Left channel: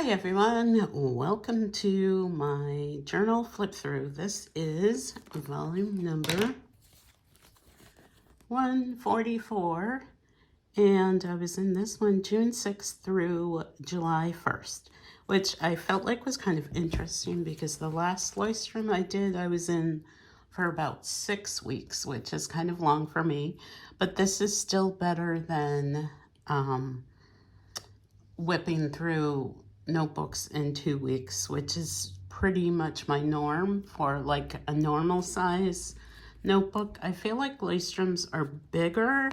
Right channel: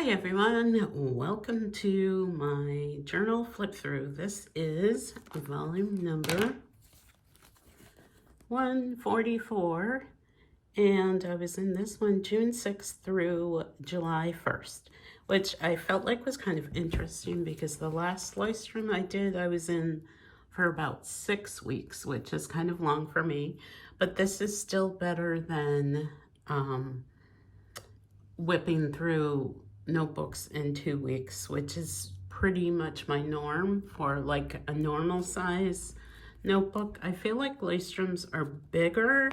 Hi everyone, welcome to my journal flip through. This is volume number 144, and I was in this one June 6th through July 1st, which I felt like was kind of interesting because the last Leuchtturm I did, I was in for about 6 weeks, which is kind of long for me, but this is still better than whipping through notebooks in 2 weeks, which is pretty much my norm for like a normal size notebook. I feel like Leuchtturms are bigger.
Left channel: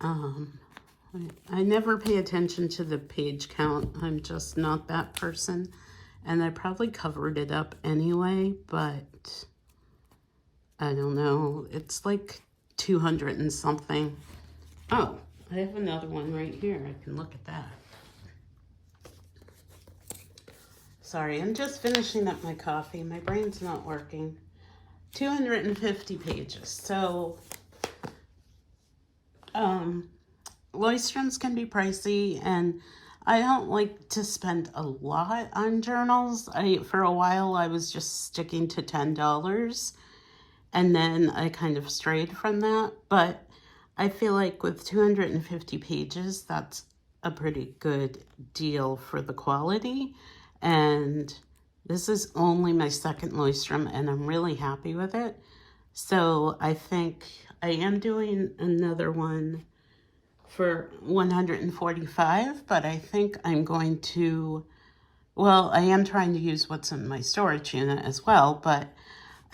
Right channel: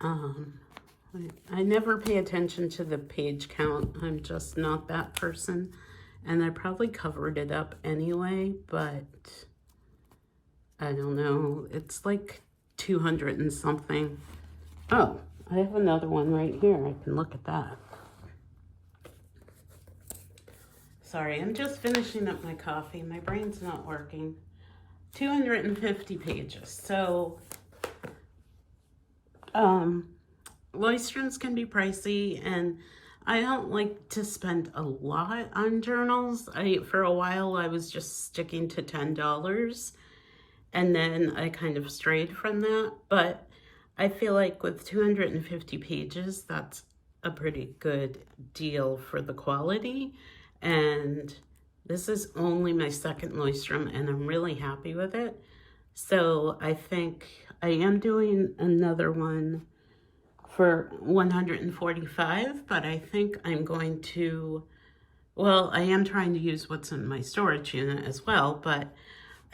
Um, I never pay attention to the page count. I'm just not that person. And I probably covered it up anyway, but I don't know. It's like 200 and something. Oh, I have another one right here. I can look at that. Sorry, I'm just finishing up my coffee. My brain's not working. 250 pages. So, Leuchtturms can be pricey, and I don't like to spend a lot on journals. For a while, I was just sticking to $10, and then I kind of strayed from that. But I feel like with 250 pages, that's a pretty good deal for the quality. And this is only my second Leuchtturm, and I'm really happy with it. So I think I am doing another one for 145, but I think I'm going to, well, I am trying to use what's in my storage unit as well, but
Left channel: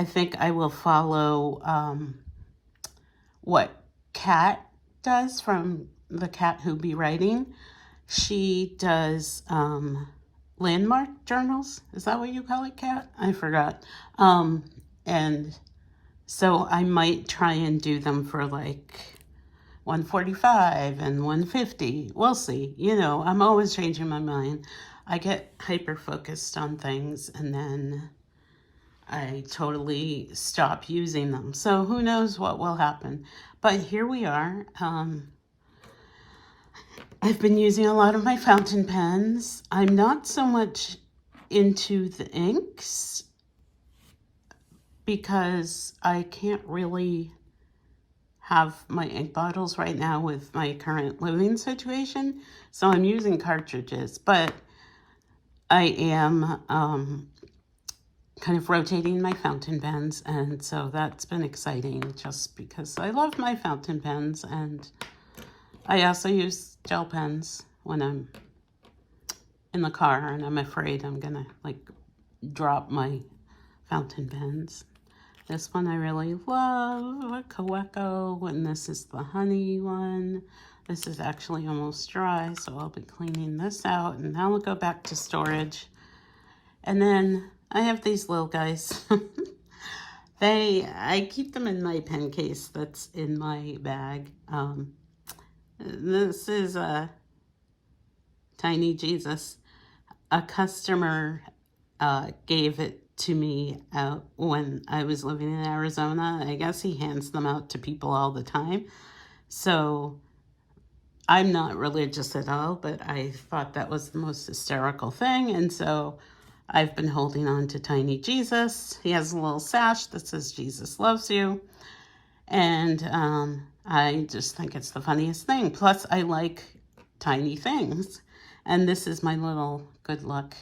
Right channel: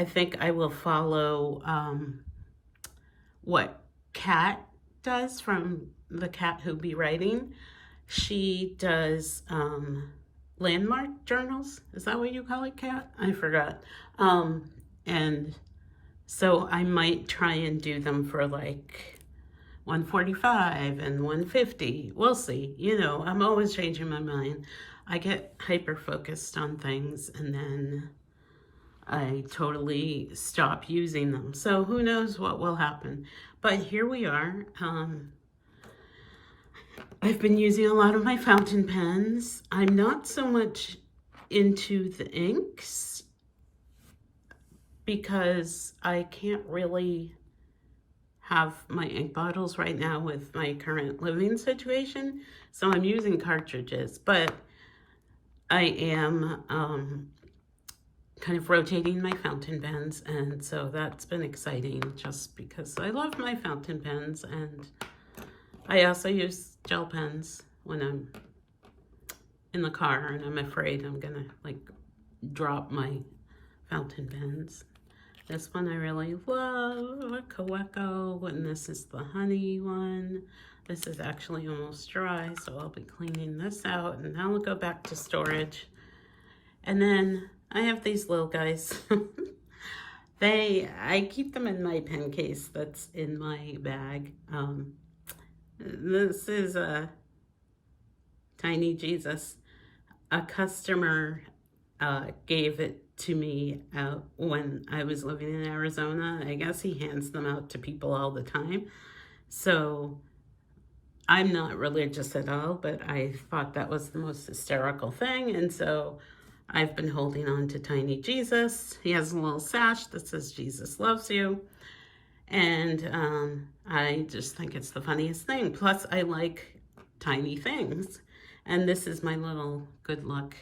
I think I will follow what Kat does from the Kat Who Be Writing. She does landmark journals. Is that what you call it, Kat? I forgot. And so I might try and do them for like 145 and 150. We'll see. You know, I'm always changing my mind. I get hyper focused on things and then I totally stop using them. So who knows what will happen. But here we are. I've been using a lot of my fountain pens. I'm not so much into the inks because I can't really have my ink bottles right now with my current living situation. So I'm using cartridges, but I am kind of rotating my fountain pens, and so that's been exciting just because I love my fountain pens, and I also use gel pens when I'm in the car and I'm afraid I'm gonna like drop my fountain pens. This one I really love, Kaweco, and this is the honey one. This is actually almost dry, so I'll be cleaning this out, and now I'll go back to storage. And then I have these little guys. I keep them in my pen case that's in my bag. This is a Tiny Jesus. A customer gave it to me when I was living in Arizona. I guess he hands them out to people all the time. So I'm not religious at all, but I thought that was the most hysterical thing. And so I've been holding on to Tiny Jesus. He has a little sash that says Jesus loves you. And I just think it's the funniest thing. Plus, I like tiny things. And this is my little good luck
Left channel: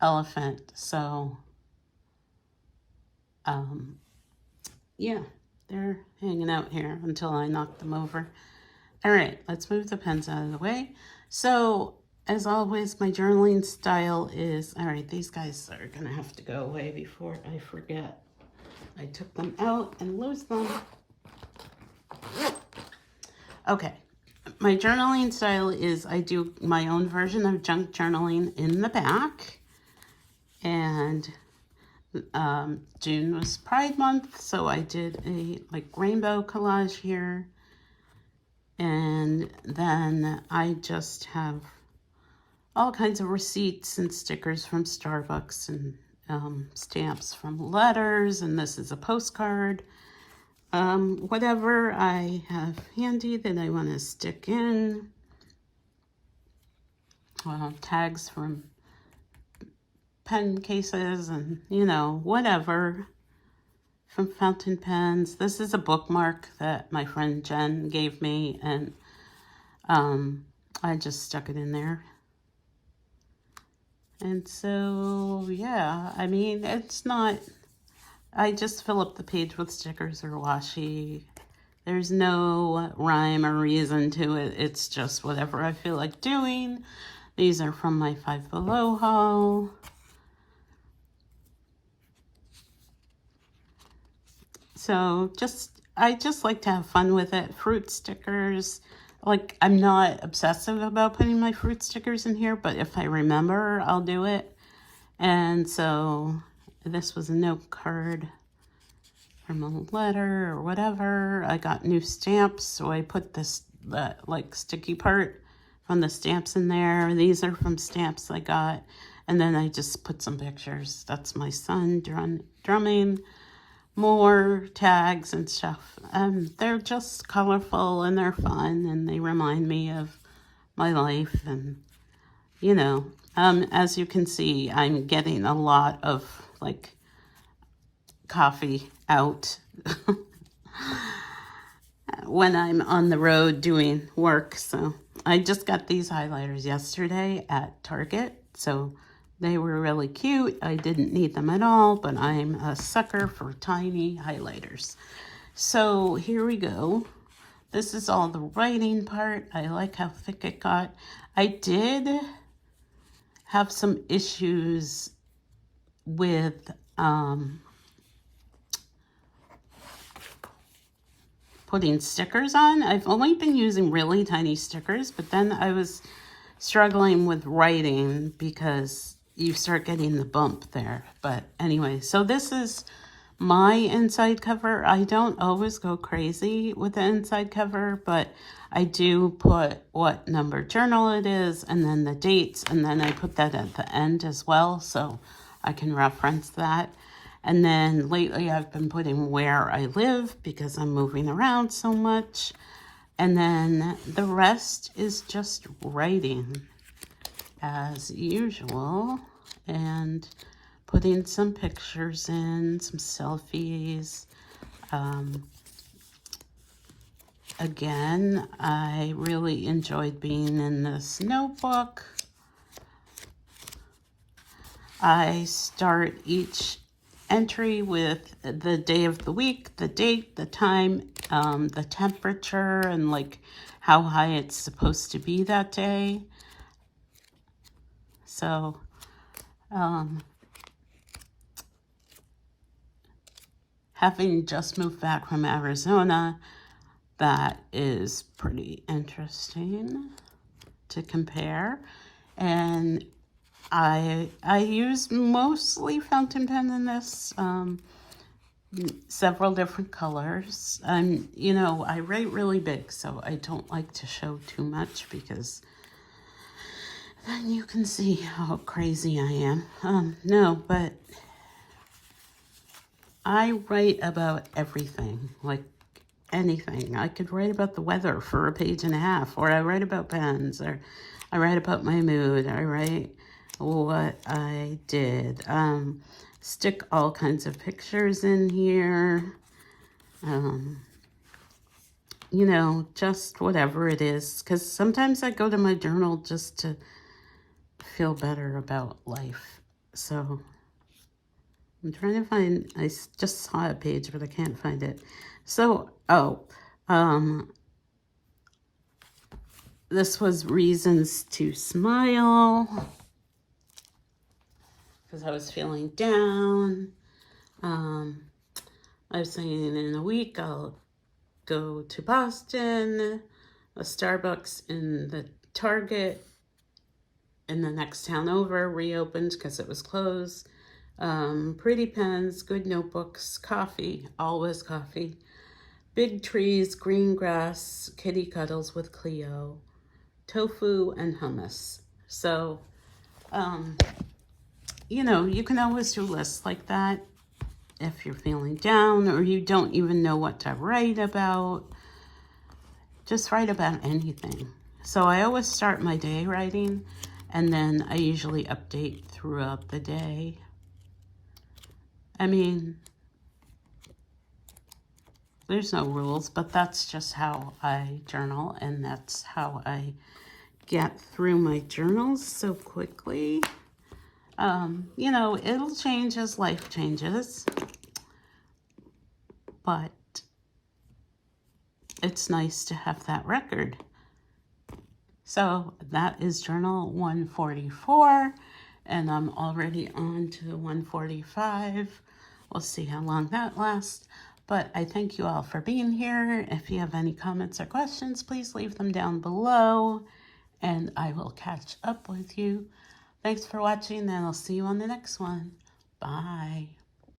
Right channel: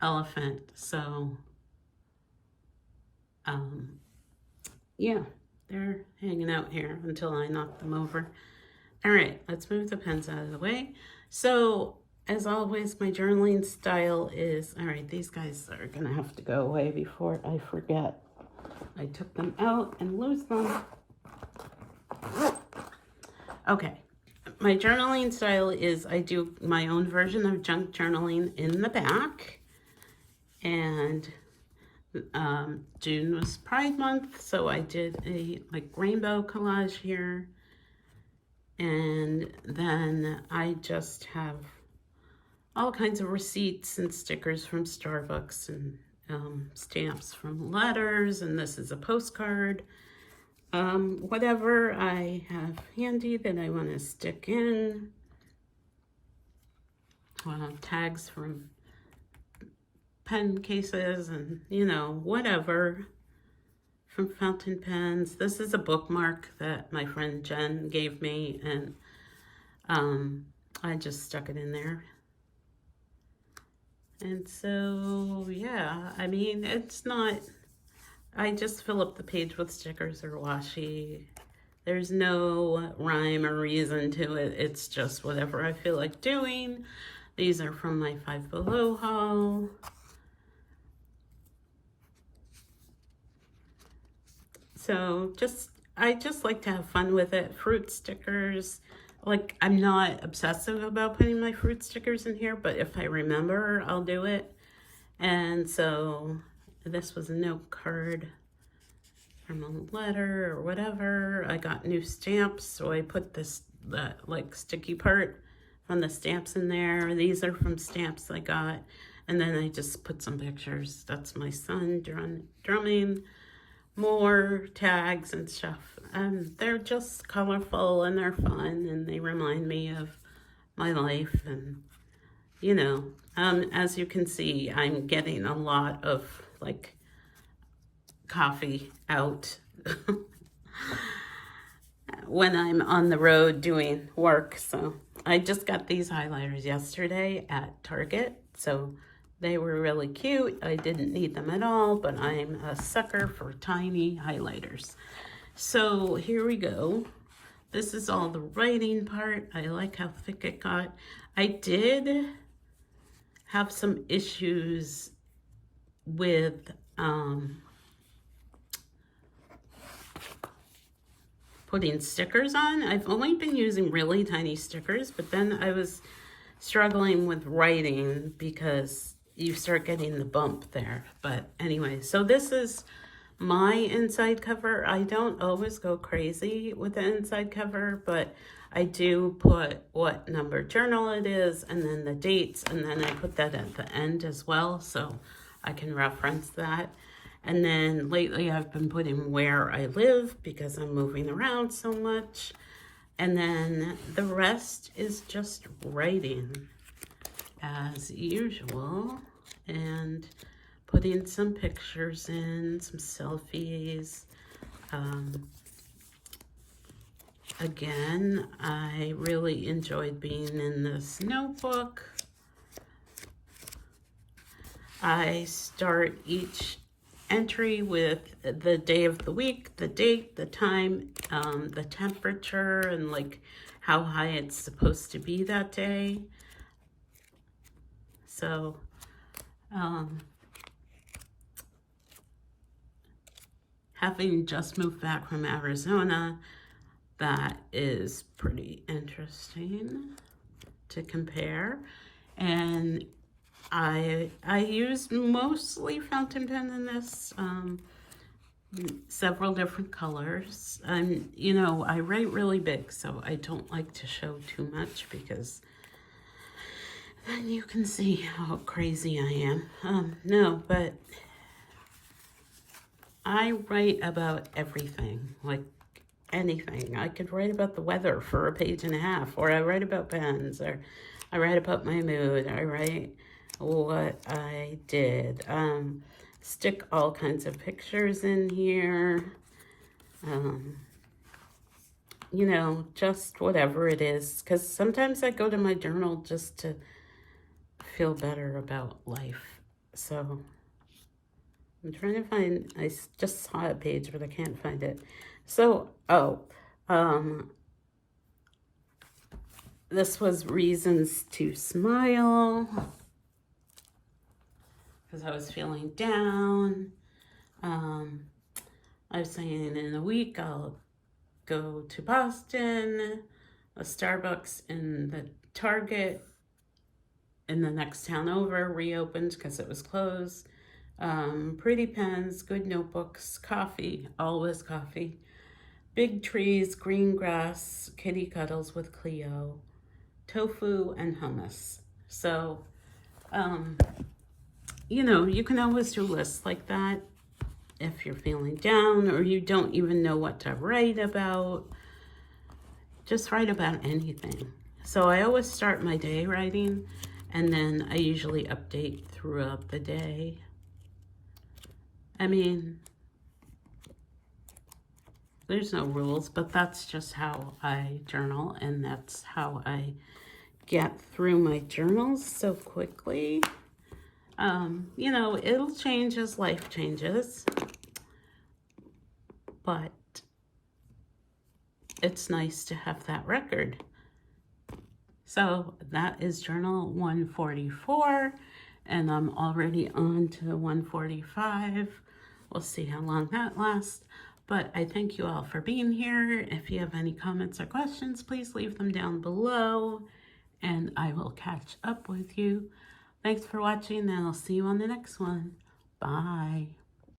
elephant. So, yeah, they're hanging out here until I knock them over. All right, let's move the pens out of the way. So, as always, my journaling style is, all right, these guys are gonna have to go away before I forget. I took them out and lose them. Okay, my journaling style is I do my own version of junk journaling in the back. And June was Pride Month, so I did a like rainbow collage here. And then I just have all kinds of receipts and stickers from Starbucks and stamps from letters, and this is a postcard. Whatever I have handy that I want to stick in. tags from pen cases and, you know, whatever, from fountain pens. This is a bookmark that my friend Jen gave me, and I just stuck it in there. And so, yeah, I mean, it's not, I just fill up the page with stickers or washi. There's no rhyme or reason to it. It's just whatever I feel like doing. These are from my Five Below haul. So I just like to have fun with it. Fruit stickers. Like, I'm not obsessive about putting my fruit stickers in here, but if I remember, I'll do it. And so this was a note card from a letter or whatever. I got new stamps, so I put the like sticky part from the stamps in there. These are from stamps I got. And then I just put some pictures. That's my son drumming. More tags and stuff. They're just colorful and they're fun and they remind me of my life. And, you know, as you can see, I'm getting a lot of like coffee out when I'm on the road doing work. So I just got these highlighters yesterday at Target. So they were really cute. I didn't need them at all, but I'm a sucker for tiny highlighters. So here we go. This is all the writing part. I like how thick it got. I did have some issues with putting stickers on. I've only been using really tiny stickers, but then I was struggling with writing because you start getting the bump there. But anyway, so this is my inside cover. I don't always go crazy with the inside cover, but I do put what number journal it is and then the dates, and then I put that at the end as well so I can reference that. And then lately I've been putting where I live because I'm moving around so much. And then the rest is just writing as usual, and putting some pictures in, some selfies. Again, I really enjoyed being in this notebook. I start each entry with the day of the week, the date, the time, the temperature, and like how high it's supposed to be that day. So, having just moved back from Arizona, that is pretty interesting to compare. And I use mostly fountain pen in this, several different colors. And, you know, I write really big, so I don't like to show too much because then you can see how crazy I am. No, but I write about everything, like anything. I could write about the weather for a page and a half, or I write about pens, or I write about my mood, I write what I did. Stick all kinds of pictures in here. You know, just whatever it is, because sometimes I go to my journal just to feel better about life. So I'm trying to find, I just saw a page, but I can't find it. So, this was Reasons to Smile, because I was feeling down. I was saying in a week I'll go to Boston, a Starbucks in the Target in the next town over reopened because it was closed. Pretty pens, good notebooks, coffee, always coffee. Big trees, green grass, kitty cuddles with Cleo, tofu, and hummus. So, you know, you can always do lists like that if you're feeling down or you don't even know what to write about. Just write about anything. So I always start my day writing, And then I usually update throughout the day. I mean, there's no rules, but that's just how I journal, and that's how I get through my journals so quickly. You know, it'll change as life changes, but it's nice to have that record. So that is journal 144, and I'm already on to 145. We'll see how long that lasts. But I thank you all for being here. If you have any comments or questions, please leave them down below, and I will catch up with you. Thanks for watching, and I'll see you on the next one. Bye.